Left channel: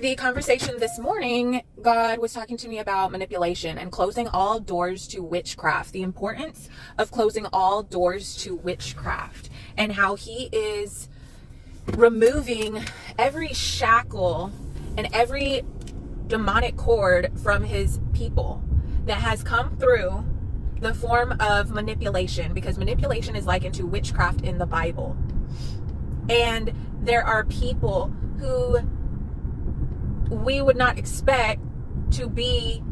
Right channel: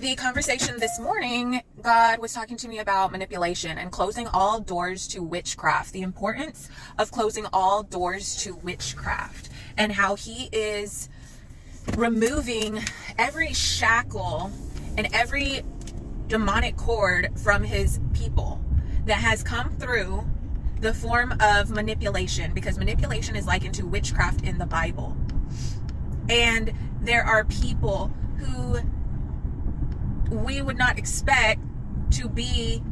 The conversation this morning, God was talking to me about manipulation and closing all doors to witchcraft, the importance of closing all doors to witchcraft, and how He is removing every shackle and every demonic cord from His people that has come through the form of manipulation, because manipulation is likened to witchcraft in the Bible. And there are people who we would not expect to be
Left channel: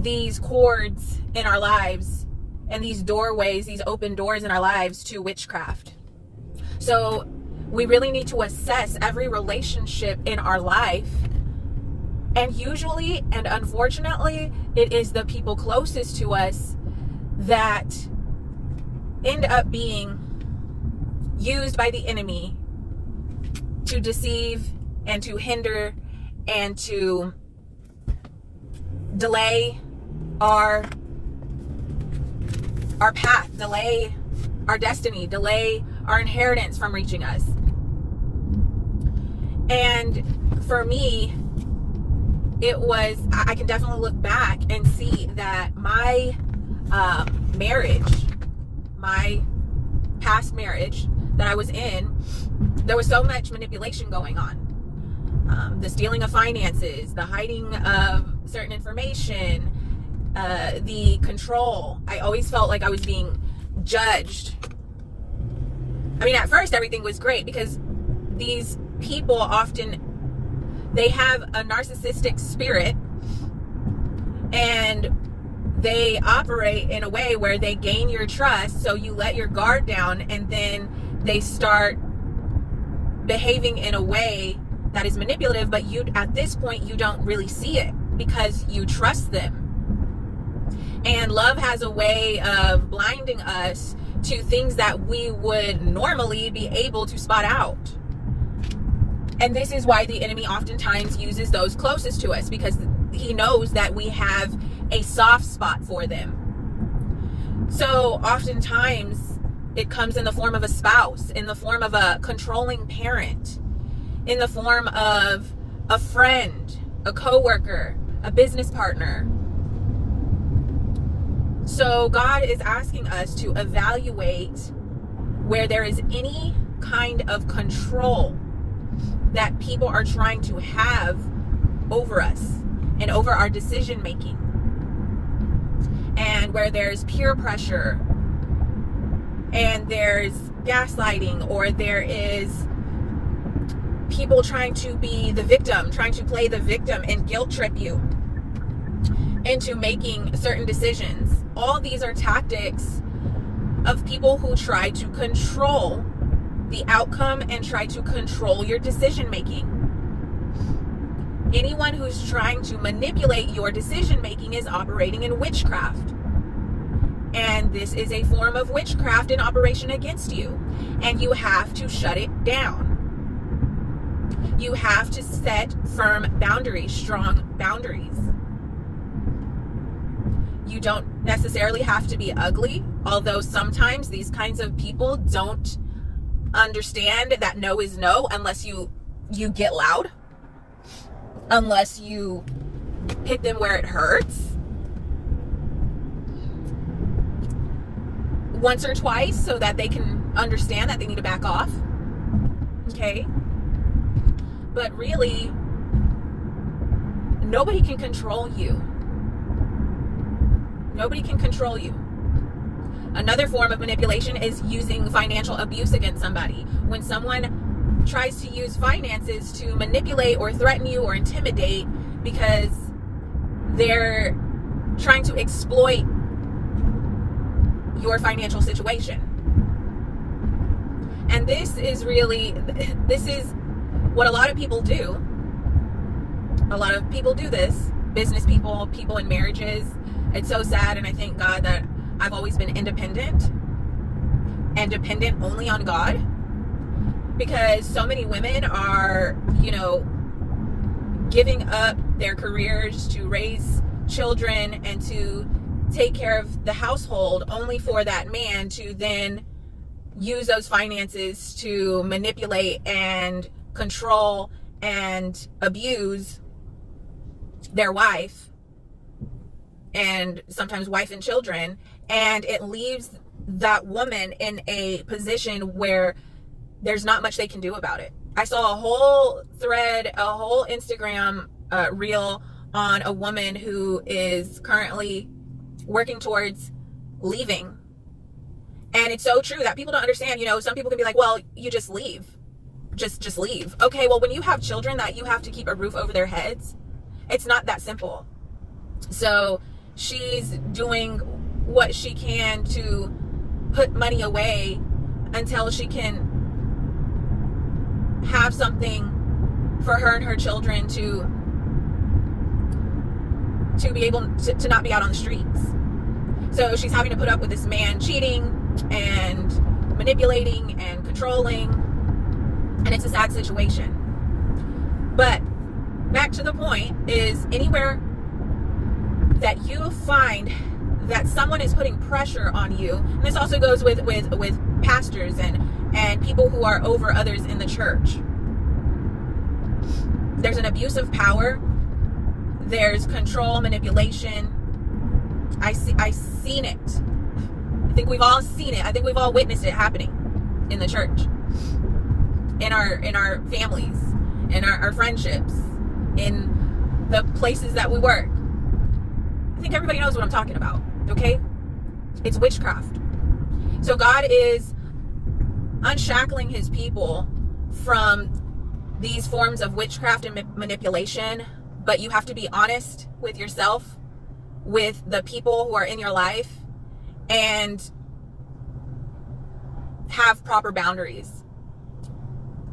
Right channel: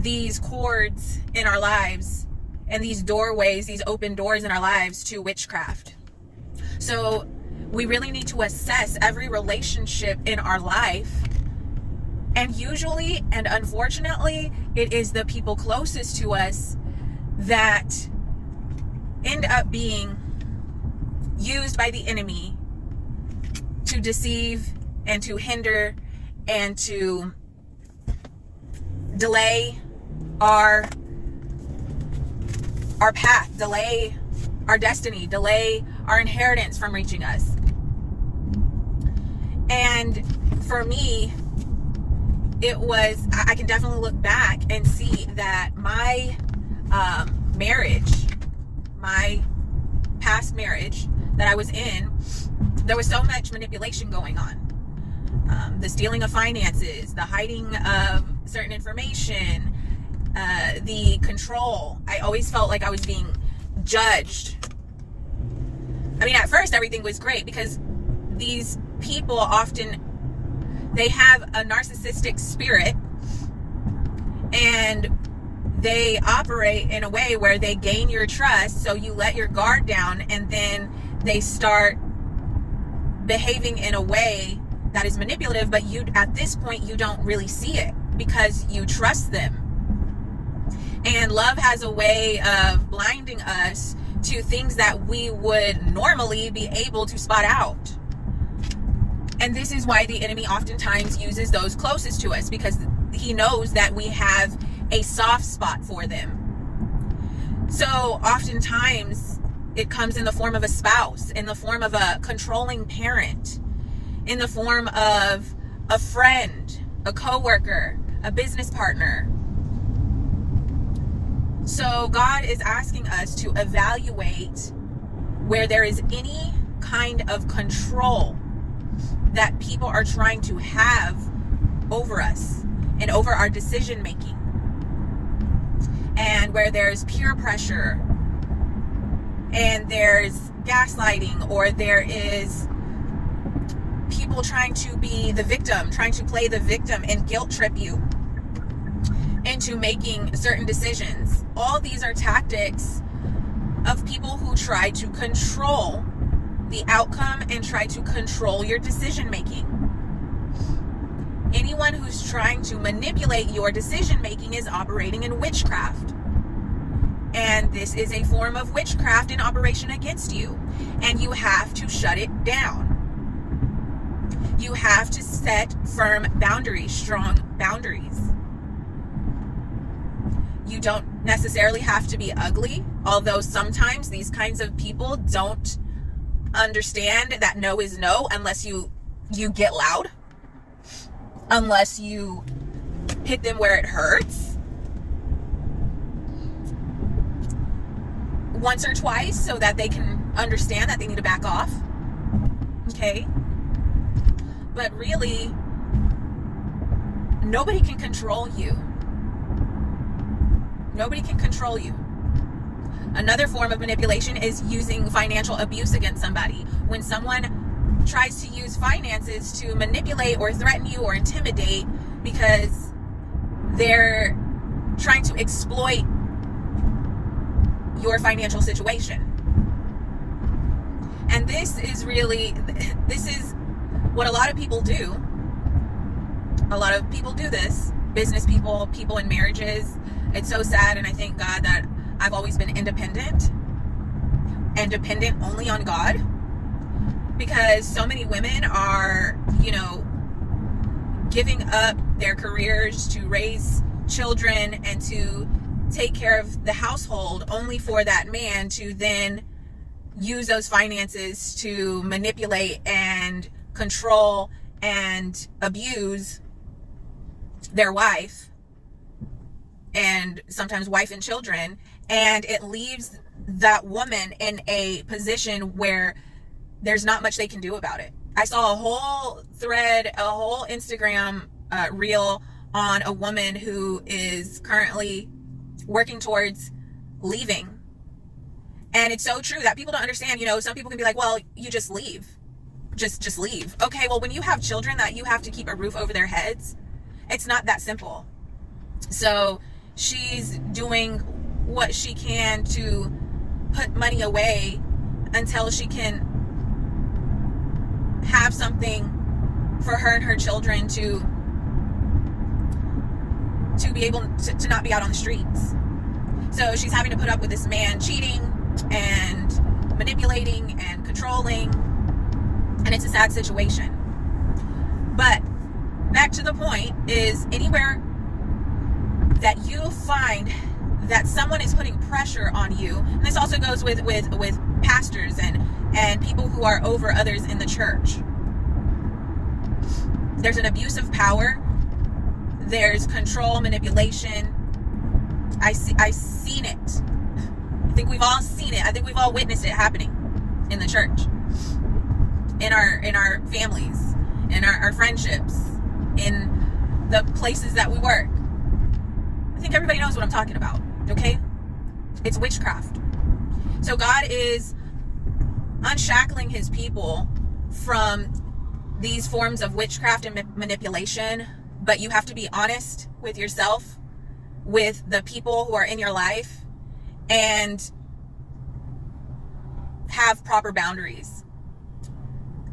these cords in our lives and these doorways, these open doors in our lives to witchcraft. So we really need to assess every relationship in our life. And usually, and unfortunately, it is the people closest to us that end up being used by the enemy to deceive and to hinder and to delay our path, delay our destiny, delay our inheritance from reaching us. And for me, I can definitely look back and see that my marriage, my past marriage that I was in, there was so much manipulation going on. The stealing of finances, the hiding of certain information, the control. I always felt like I was being judged. I mean, at first everything was great because these people often, they have a narcissistic spirit and they operate in a way where they gain your trust, so you let your guard down, and then they start behaving in a way that is manipulative, but you, at this point, you don't really see it because you trust them. And love has a way of blinding us to things that we would normally be able to spot out. And this is why the enemy oftentimes uses those closest to us, because he knows that we have a soft spot for them. So oftentimes it comes in the form of a spouse, in the form of a controlling parent, in the form of a friend, a coworker, a business partner. So God is asking us to evaluate where there is any kind of control that people are trying to have over us and over our decision making, and where there's peer pressure and there's gaslighting, or there is people trying to be the victim, trying to play the victim and guilt trip you into making certain decisions. All these are tactics of people who try to control the outcome and try to control your decision making. Anyone who's trying to manipulate your decision making is operating in witchcraft. And this is a form of witchcraft in operation against you. And you have to shut it down. You have to set firm boundaries, strong boundaries. You don't necessarily have to be ugly, although sometimes these kinds of people don't understand that no is no unless you get loud, unless you hit them where it hurts once or twice so that they can understand that they need to back off. Okay? But really, nobody can control you. Nobody can control you. Another form of manipulation is using financial abuse against somebody. When someone tries to use finances to manipulate or threaten you or intimidate because they're trying to exploit your financial situation. And this is what a lot of people do. A lot of people do this. Business people, people in marriages. It's so sad, and I thank God that I've always been independent and dependent only on God, because so many women are, giving up their careers to raise children and to take care of the household only for that man to then use those finances to manipulate and control and abuse their wife, and sometimes wife and children, and it leaves that woman in a position where there's not much they can do about it. I saw a whole thread, a whole Instagram reel on a woman who is currently working towards leaving. And it's so true that people don't understand. Some people can be like, well, you just leave. Just leave. Okay, well, when you have children that you have to keep a roof over their heads, it's not that simple. So she's doing what she can to put money away until she can have something for her and her children to be able to not be out on the streets. So she's having to put up with this man cheating and manipulating and controlling, and it's a sad situation. But back to the point is, anywhere that you find that someone is putting pressure on you, and this also goes with pastors and people who are over others in the church. There's an abuse of power. There's control, manipulation. I've seen it. I think we've all seen it. I think we've all witnessed it happening in the church, in our families, in our friendships, in the places that we work. I think everybody knows what I'm talking about, okay? It's witchcraft. So God is unshackling his people from these forms of witchcraft and manipulation, but you have to be honest with yourself, with the people who are in your life, and have proper boundaries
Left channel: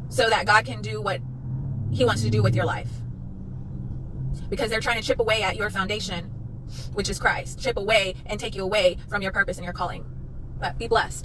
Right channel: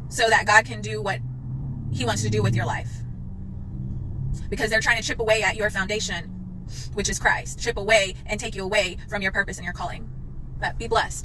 so that God can do what he wants to do with your life. Because they're trying to chip away at your foundation, which is Christ. Chip away and take you away from your purpose and your calling. But be blessed.